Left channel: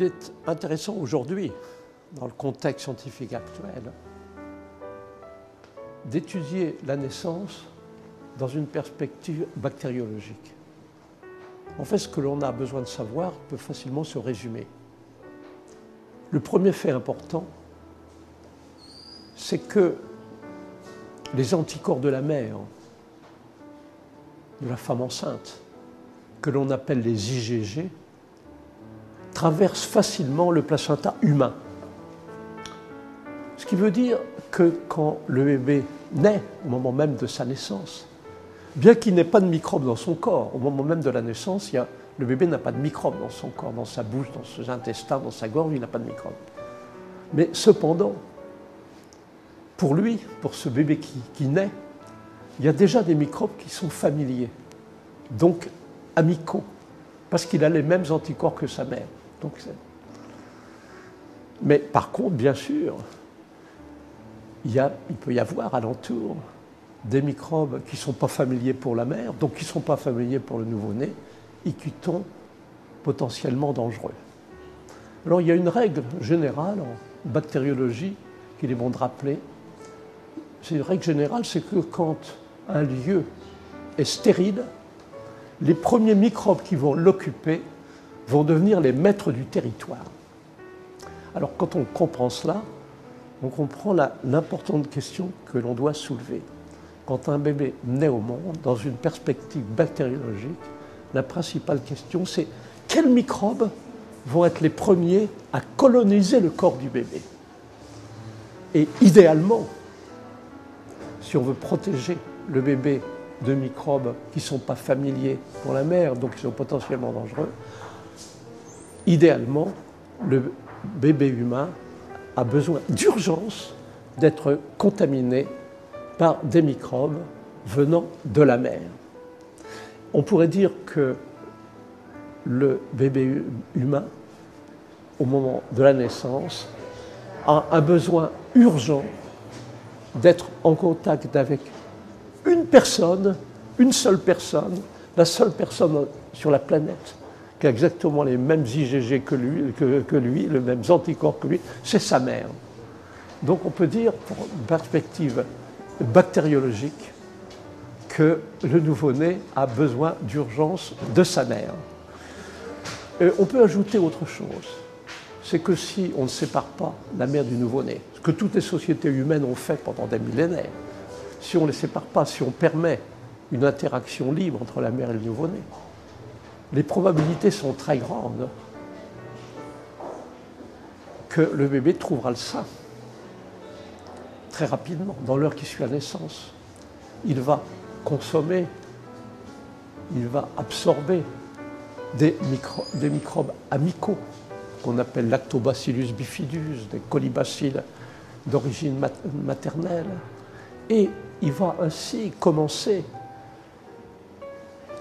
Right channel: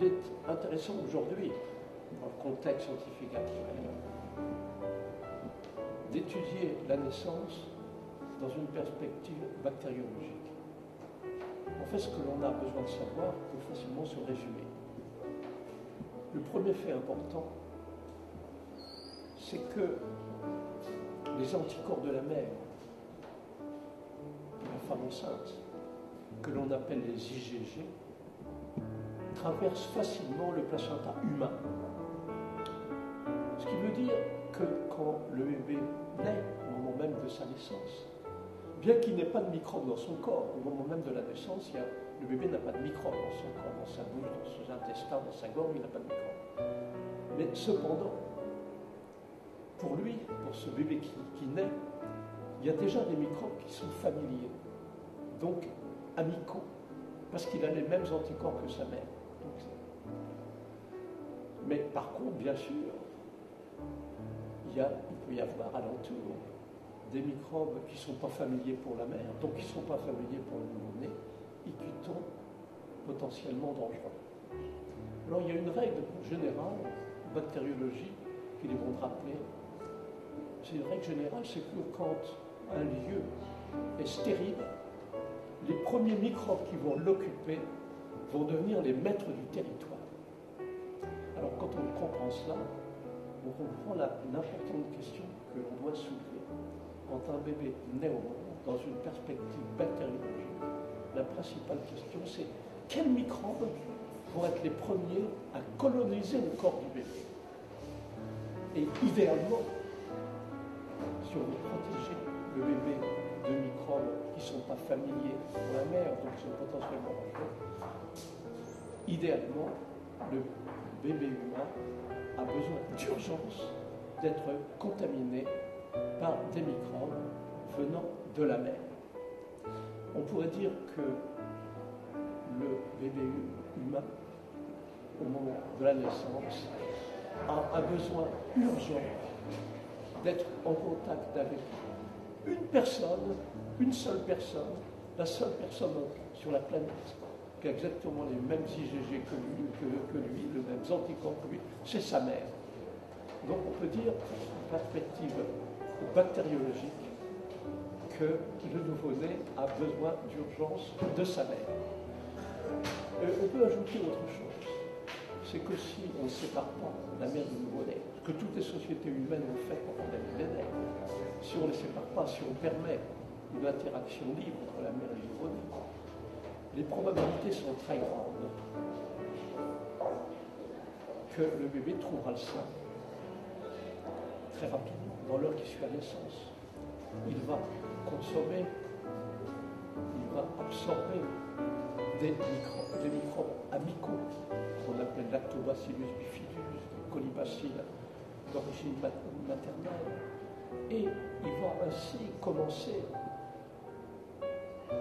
il est intéressant aujourd'hui, dans le contexte scientifique actuel, d'étudier la naissance dans une perspective bactériologique. En fait, ce que l'on a besoin de savoir peut facilement se résumer. Le premier fait important, c'est que les anticorps de la mère, de la femme enceinte, que l'on appelle les IgG, traversent facilement le placenta humain. Ce qui veut dire que quand le bébé naît, au moment même de sa naissance, bien qu'il n'ait pas de microbes dans son corps, au moment même de la naissance, le bébé n'a pas de microbes dans son corps, dans sa bouche, dans ses intestins, dans sa gorge, il n'a pas de microbes. Mais cependant, pour lui, pour ce bébé qui naît, il y a déjà des microbes qui sont familiers, donc amicaux, parce qu'il a les mêmes anticorps que sa mère. Mais par contre, bien sûr, il peut y avoir alentour des microbes qui ne sont pas familiers pour la mère, donc qui ne sont pas familiers pour le nouveau-né, et qui sont potentiellement dangereux. Alors il y a une règle générale en bactériologie qu'il est bon de rappeler. C'est une règle générale, c'est que quand un lieu est stérile, les premiers microbes qui vont l'occuper vont devenir les maîtres du territoire. Alors quand on comprend cela, on comprend l'importante question que l'on doit soulever. Quand un bébé naît au monde, dans une perspective bactériologique, la principale question, c'est quels microbes vont être les premiers à coloniser le corps du bébé. Et idéalement, si on veut protéger le bébé de microbes qui ne sont pas familiers pour la mère, donc qui sont potentiellement dangereux, idéalement, le bébé humain a besoin d'urgence d'être contaminé par des microbes venant de la mère. On pourrait dire que le bébé humain, au moment de la naissance, a un besoin urgent d'être en contact avec une personne, une seule personne, la seule personne sur la planète qui a exactement les mêmes IgG que lui, les mêmes anticorps que lui, c'est sa mère. Donc on peut dire, pour une perspective bactériologique, que le nouveau-né a besoin d'urgence de sa mère. On peut ajouter autre chose, c'est que si on ne sépare pas la mère du nouveau-né, ce que toutes les sociétés humaines ont fait pendant des millénaires, si on ne les sépare pas, si on permet une interaction libre entre la mère et le nouveau-né, les probabilités sont très grandes que le bébé trouvera le sein très rapidement, dans l'heure qui suit la naissance. Il va consommer, il va absorber des microbes amicaux qu'on appelle Lactobacillus bifidus, des colibacilles d'origine maternelle. Et il va ainsi commencer,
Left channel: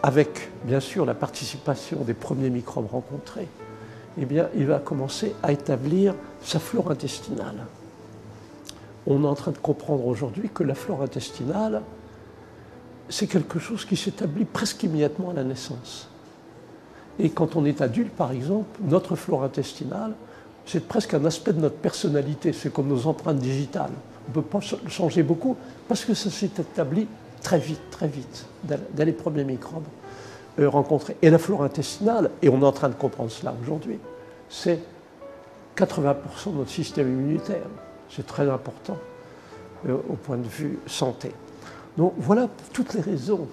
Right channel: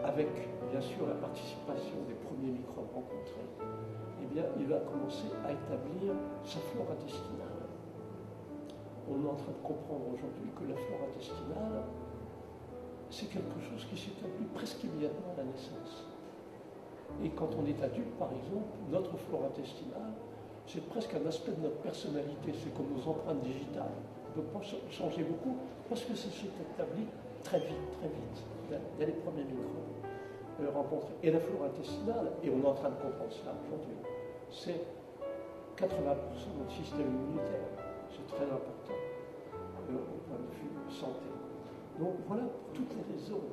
avec bien sûr la participation des premiers microbes rencontrés, eh bien, il va commencer à établir sa flore intestinale. On est en train de comprendre aujourd'hui que la flore intestinale, c'est quelque chose qui s'établit presque immédiatement à la naissance. Et quand on est adulte, par exemple, notre flore intestinale, c'est presque un aspect de notre personnalité, c'est comme nos empreintes digitales. On ne peut pas changer beaucoup parce que ça s'est établi très vite, dès les premiers microbes rencontrés. Et la flore intestinale, et on est en train de comprendre cela aujourd'hui, c'est 80% de notre système immunitaire. C'est très important au point de vue santé. Donc voilà toutes les raisons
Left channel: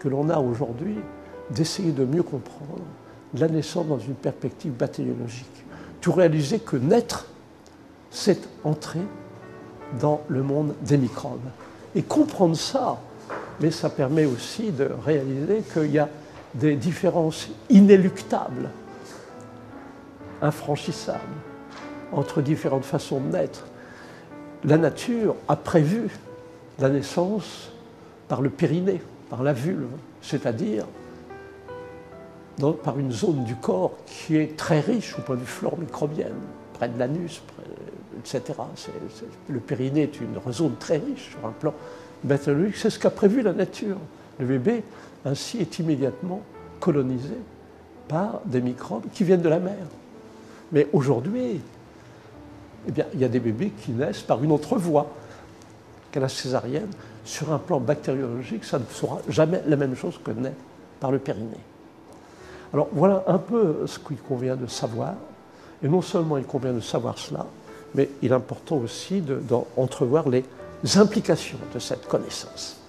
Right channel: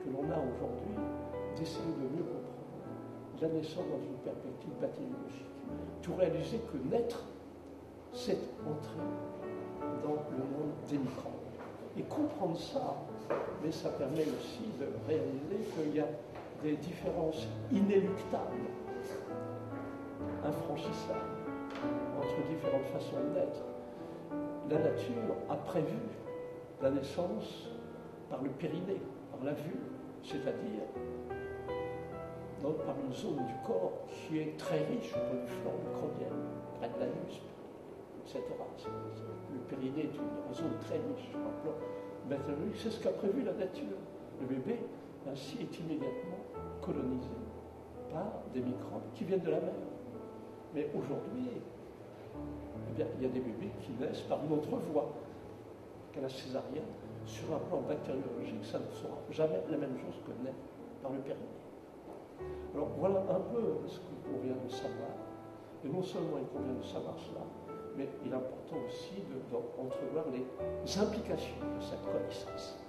que l'on a aujourd'hui d'essayer de mieux comprendre la naissance dans une perspective bactériologique. Tout réaliser que naître, c'est entrer dans le monde des microbes. Et comprendre ça, mais ça permet aussi de réaliser qu'il y a des différences inéluctables, infranchissables, entre différentes façons de naître. La nature a prévu la naissance par le périnée, par la vulve, c'est-à-dire par une zone du corps qui est très riche au point de vue flore microbienne, près de l'anus, etc. Le périnée est une zone très riche sur un plan bactériologique. C'est ce qu'a prévu la nature. Le bébé, ainsi, est immédiatement colonisé par des microbes qui viennent de la mer. Mais aujourd'hui, eh bien, il y a des bébés qui naissent par une autre voie qu'à la césarienne. Sur un plan bactériologique, ça ne sera jamais la même chose que naître par le périnée. Alors voilà un peu ce qu'il convient de savoir. Et non seulement il convient de savoir cela, mais il est important aussi d'entrevoir les implications de cette connaissance.